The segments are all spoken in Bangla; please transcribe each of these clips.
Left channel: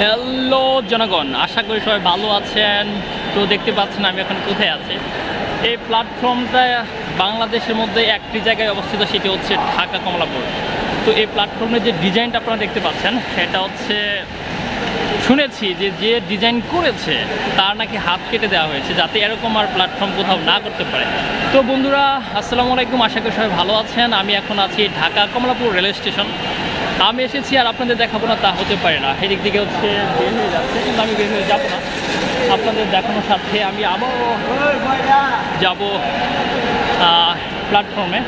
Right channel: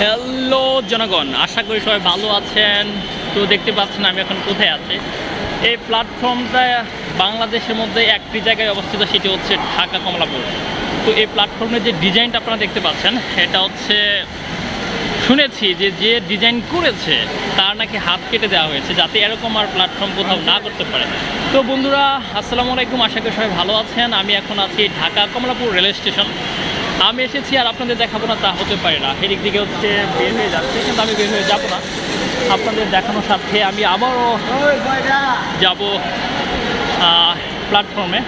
হ্যালো জনগণ। আশা করি সবাই ভালো আছেন। তো দেখতে পাচ্ছেন আমি এখন কোথায় আছি। এই প্ল্যাটফর্মটা বাংলাদেশের মধ্যে একটি জায়গায় অবস্থিত, সেটি হচ্ছে ঢাকা কমলাপুর। তো এই প্ল্যাটফর্মের যে ডিজাইনটা আপনারা দেখতে পাচ্ছেন এটা হচ্ছে, শুনেছি যে যে ডিজাইন করেছে, তার নাকি হাত কেটে দেওয়া হয়েছে, যাতে এরকম আর প্ল্যাটফর্ম কোথাও না করতে পারে। তো বন্ধুরা, আসসালামু আলাইকুম। আশা করি সবাই ভালো আছেন। আমি এখন আছি ঢাকা কমলাপুর রেল স্টেশন আমি এসেছি আর আপনাদের দেখাবো না তা হতে পারে না। এদিক দিকে হচ্ছে বের হয়ে যাচ্ছে কিন্তু আমি বের হয়ে যাব না। আপনাদের দেখানোর সাথে আমি আবারও যাব প্ল্যাটফর্মে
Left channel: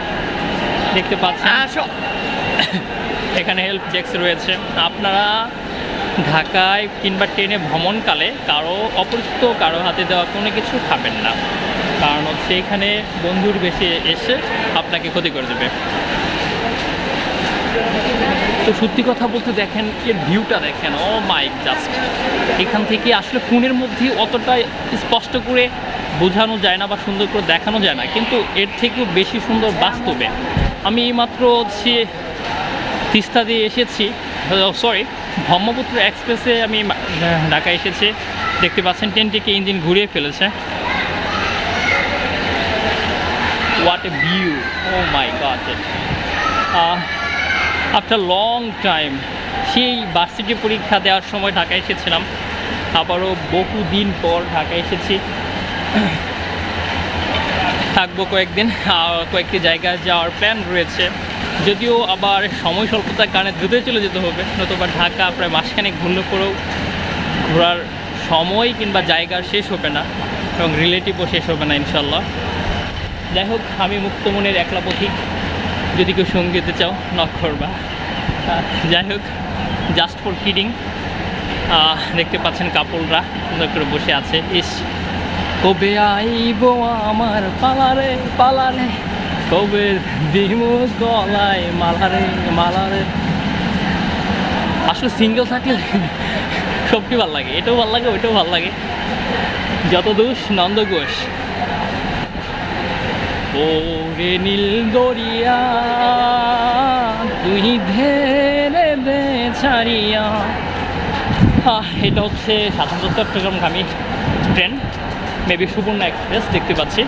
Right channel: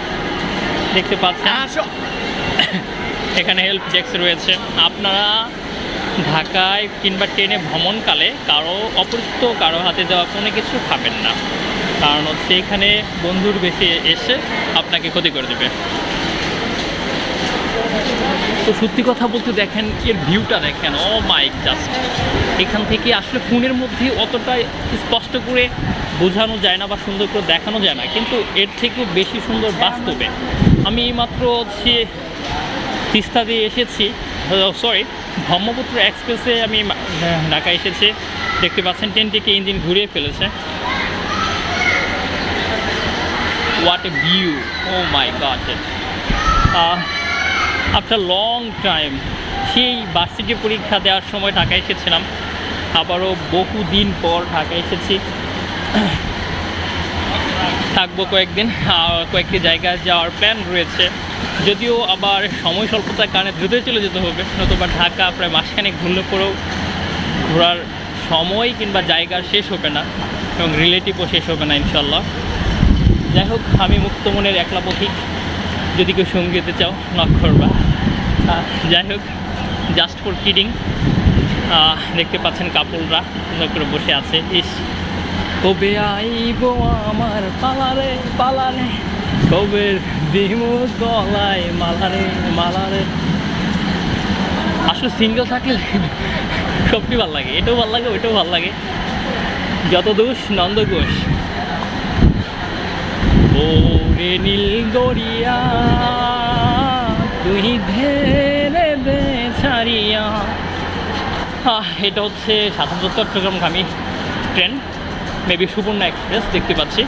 দেখতে পাচ্ছেন এখানে হেল্প ডেস্ক রয়েছে। আপনারা ঢাকায় কিংবা ট্রেনে ভ্রমণকালে কারও অপরিচিত কারও হাতে দেওয়া কোনো কিছু খাবেন না। কারণ হচ্ছে এখানে বন্ধুর বেশি এসে আপনাকে ক্ষতি করে দেবে। তো সত্যি কথা বলতে দেখেন, এর ভিউটা দেখেন ও মাইক জাস্ট এখান থেকে আসলে ফোনের মধ্যে অতটা স্পষ্ট করে বোঝানো যায় না বা সুন্দর করে দেখানো যায় না, কিন্তু এর থেকেও বেশি সুন্দর বাস্তবে। আমি মাত্র হচ্ছে তিস্তা দিয়ে এসেছি সরি ব্রহ্মপুত্র এক্সপ্রেসে আমি ঢাকা এসেছি। দেখতে পাচ্ছেন ট্রেনটিকে ইঞ্জিন ঘুরিয়ে ফেলেছে। What a view oh my God after long time সেই বার্ষিকী পরীক্ষা দেওয়ার সময় ঢাকায় এসেছিলাম। আবারও বহুদিন পর ঢাকায় এসেছি। থাকব কয়েকদিন কয়েকটি জায়গায় যাওয়ার প্ল্যান রয়েছে। যদিও আবার সময় স্বল্পতার কারণে দ্রুতই চলে যেতে হবে, নতুবা ঢাকা প্রায় মাসখানেক ঘুরলে পরেও ঘোরার সময় কিংবা জায়গার শেষ হবে না এবং রিলেটিভও শেষ হবে না ইনশাল্লাহ যাই হোক, আমি মুক্তমনের একলা পথিক যদি কেউ সঙ্গী হতে চাও নক করবা। যাই হোক জাস্ট ফর কিডিং দেখতে পাচ্ছেন কাপড়রা সুন্দর করে বসে আছে। ইস, কবে আইব আমার পালারে পালারে কবে গলায় মালারে মালারে আসলে সিঙ্গেল থাকলে সবটি ভালো লাগে, এটাও ভালো লাগে, ওইটাও ভালো লাগে। যত দোষ নন্দ ঘোষ। ওরে নীল দরিয়া, তুই ঘেরে দে ছাড়িয়া। এটা হচ্ছে সাধারণত চট্টগ্রামগামী ট্রেন, মেবি সুবর্ণা এক্সপ্রেস দেখতে পাচ্ছি।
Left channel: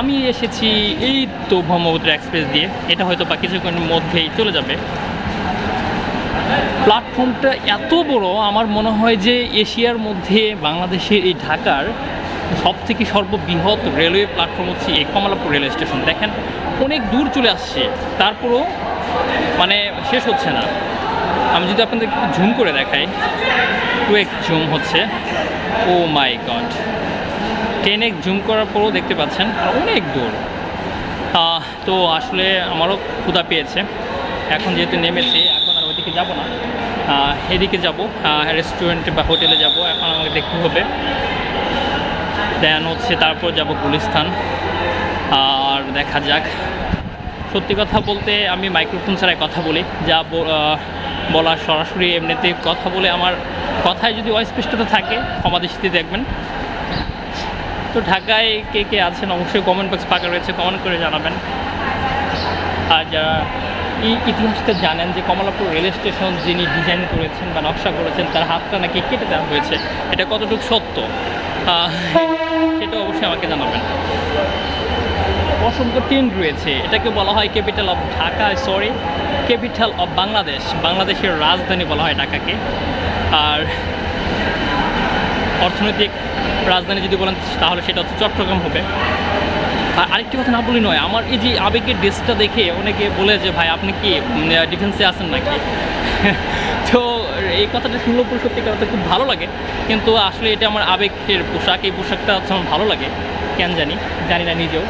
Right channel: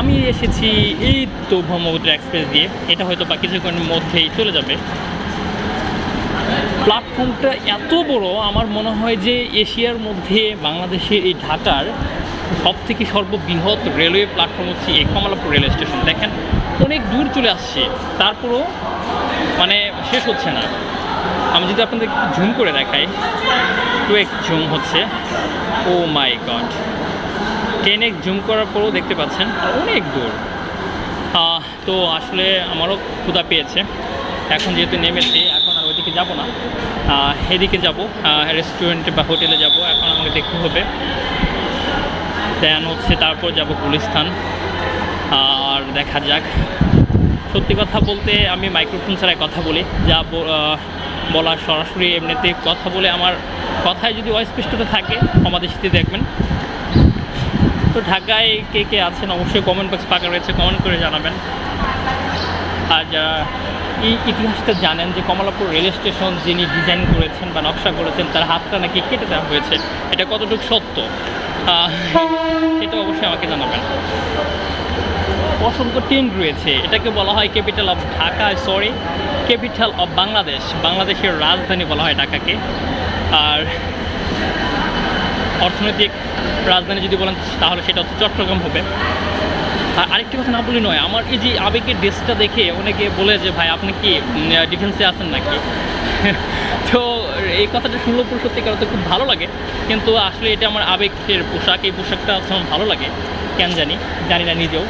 আমি এসেছি এই তো ব্রহ্মপুত্র এক্সপ্রেস দিয়ে, এটা হয়তো বা কিছুক্ষণের মধ্যেই চলে যাবে। প্ল্যাটফর্মটা এত বড়, আমার মনে হয় যে এশিয়ার মধ্যে বাংলাদেশের এই ঢাকার সব থেকে সর্ববৃহৎ রেলওয়ে প্ল্যাটফর্ম হচ্ছে এই কমলাপুর রেলওয়ে স্টেশন। দেখেন, অনেক দূর চলে আসছে। তারপরও মানে শেষ হচ্ছে না। আমি যদি আপনাদের ঝুম করে দেখাই টু এক ঝুম হচ্ছে। Oh my God. টেন এক জুম করার পরও দেখতে পাচ্ছেন, অনেক দূর। তো আসলে আমারও ক্ষুধা পেয়েছে। এখন যেহেতু নেমেছি, এখন আর ওইদিকে যাব না। এদিকে যাব। রেস্টুরেন্টে বা হোটেলে যাব। এখন আমাকে দেখতে হবে। দেন হচ্ছে তারপর যাব গুলিস্তান। আর দেখা যাক। সত্যি কথা বলতে আমি মাইক্রোফোন ছাড়াই কথা বলি। যা ব- আহ, বলার সরাসরি এমনিতে কথা বলে আমার কথায় যদি অস্পষ্টতা থাকে ক্ষমাদৃষ্টিতে দেখবেন। তো ঢাকায় কে কে আছেন অবশ্যই কমেন্ট বক্স ফাঁকা রয়েছে কমেন্ট করে জানাবেন। আর যারা এই ইতিহাসটা জানেন যে কমলাপুর রেল স্টেশন যিনি ডিজাইন করেছেন বা নকশা করেছেন তার হাতটা নাকি কেটে দেওয়া হয়েছে এটা কতটুকু সত্য? সেটা অবশ্যই আমাকে জানাবেন। অসংখ্য ট্রেন রয়েছে। এটাকে বলা হয় capital of Dhaka sorry capital of Bangladesh. বাংলাদেশের রাজধানী বলা হয় ঢাকাকে। আর অর্থনৈতিক রাজধানী যদি বলেন, তাহলে সেটা হচ্ছে চট্টগ্রাম হবে। আর আরেকটি কথা না বলি নয়, আমার এই যে আবেগের ড্রেসটা দেখে অনেকে বলে যে, ভাই, আপনি কি ডিফেন্সে আছেন নাকি? তো এই কথাটা শুনলেও পুরো সত্যিকার অর্থে খুব ভালো লাগে। কিন্তু আসলে এটা আমার আবেগের পোশাক, এই পোশাকটা হচ্ছে আমার ভালো লাগে, কেন জানি জানি না নিজেও।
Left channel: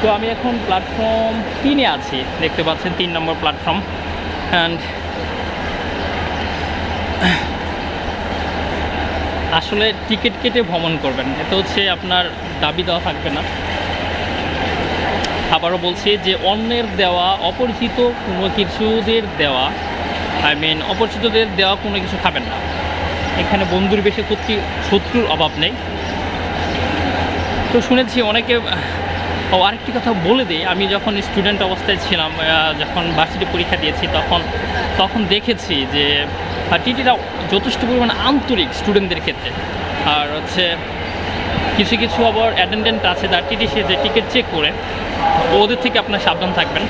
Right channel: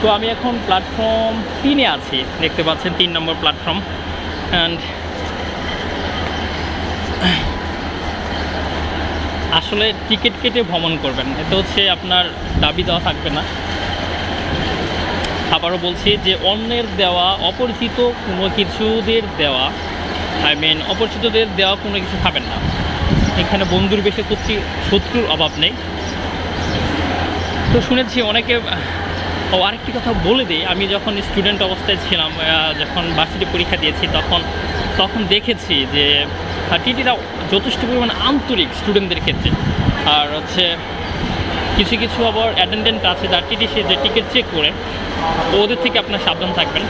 তো আমি এখন প্ল্যাটফর্ম তিনে আছি, দেখতে পাচ্ছেন তিন নম্বর প্ল্যাটফর্ম অ্যান্ড আসলে টিকিট কেটে ভ্রমণ করবেন এটা হচ্ছে আপনার দাবি দেওয়া থাকবে না। আবারও বলছি যে অন্যের দেওয়া, অপরিচিত কোনো কিছুদের দেওয়া আই মিন অপরিচিতদের দেওয়া কোনো কিছু খাবেন না। এখানে বন্ধুর বেশি করতে শত্রুর অভাব নেই। তো শুনেছি অনেকে, ও আরেকটি কথা বলে দিই, আমি যখন স্টুডেন্ট অবস্থায় ছিলাম যখন ভার্সিটি পরীক্ষা দিয়েছি, তখন তখন দেখেছি যে টিটিরা যথেষ্ট পরিমাণ আন্তরিক স্টুডেন্টদের ক্ষেত্রে। আর হচ্ছে, কিছু কিছু আবার অ্যাটেন্ডেন্ট আছে, তার টিটি সে যে টিকিট চেক করে, ওদের থেকে আপনার সাবধান থাকবেন।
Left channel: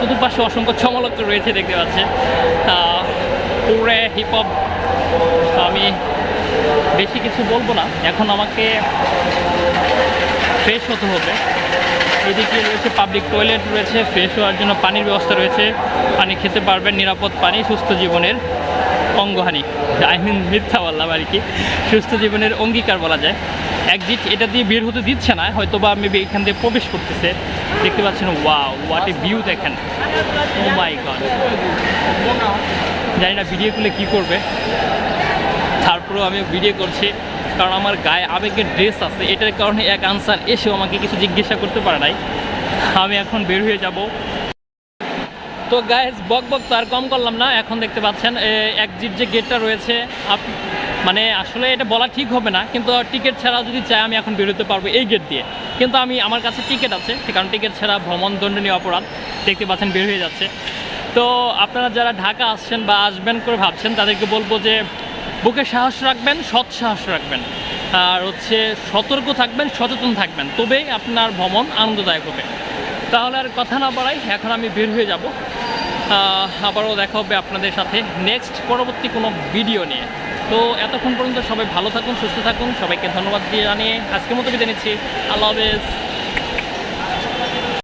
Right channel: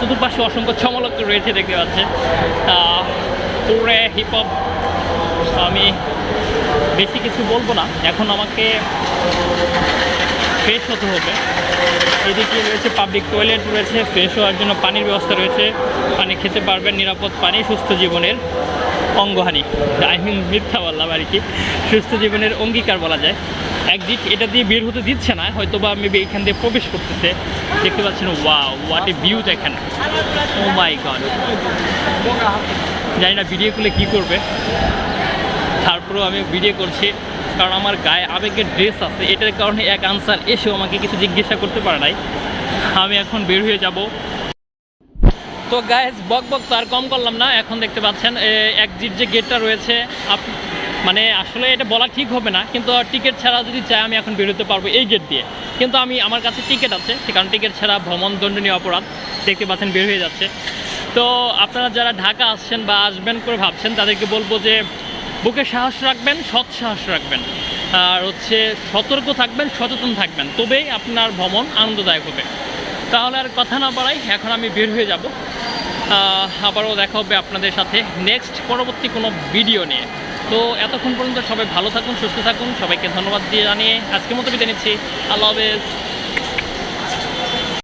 চতুর্পাশে অসংখ্য চমলক রয়েছে দেখতে পাচ্ছেন। পুরে হিপ হপ আমি বেশি কিছু বলব না। এখন আমাকে ফ্রেশ হতে হবে। এদিকে রয়েছে পাবলিক টয়লেট রয়েছে ফ্রেশ হওয়ার জন্য পানির ব্যবস্থা রয়েছে। পানি খেতে পারবেন, নিরাপদ পানি, সুস্থ জীবনের অঙ্গহানি আই মিন মিথ্যা বললাম আর কি। সুস্থ জীবনের অঙ্গীকার বলা যায়। একদিক এটা দিয়ে বের হতে দিচ্ছে না হয়তো বা মেবি এখান দিয়ে প্রবেশ করতেছে। দেখতে পাচ্ছেন ওয়াও হোয়াট এ ভিউ দেখেন ও মাই গড জানি না ভিডিও করলে কী করবে। তারপরেও আমি ভিডিও করছি, কারণ আমার গায়ে আবেগের ড্রেস আছে। এটার কারণে এক আনসার এসেও আমাকে কিছু জিজ্ঞাসা করতে পারে নাই। আমি এখন বের হয়ে যাব। তো গায়ে বক বক তো আর কম করলাম না। এখন দেখতে পাচ্ছেন একজিট যে গেটটা রয়েছে মানে আসলে এটা বলা ঠিক হবে না, কিন্তু টিকিট ছাড়া যদি চাই আমি এখন বেরোতে পারব এই গেট দিয়ে। কিন্তু আমি, আমার কাছে টিকিট আছে, সে কারণ টিকিট ছাড়া ভ্রমণ দণ্ডনীয় অপরাধ দেখতে পাচ্ছেন বের হয়ে যাচ্ছে। তো আপনারা যারা ঢাকা আসছেন বা আসবেন করে ভাবছেন, তাদেরকে বলব যে বুকে সাহস রাখবেন, সৎ সাহস রাখবেন। আর হচ্ছে সতর্ক থাকবেন, সচেতন থাকবেন, তবেই আপনার ভ্রমণ আনন্দদায়ক হবে। তাহলে আর কথা না বাড়াই, এখন আমি বের হয়ে যাব। আবারও দেখা হবে আপনাদের সাথে নেক্সট পরবর্তী কোনো ভিডিও নিয়ে। তো এতক্ষণ পর্যন্ত সবাই ভালো থাকুন, সুস্থ থাকুন। সবাইকে ধন্যবাদ দিয়ে জানিয়ে আজকের মতো বিদায় নিচ্ছি। আল্লাহ হাফেজ।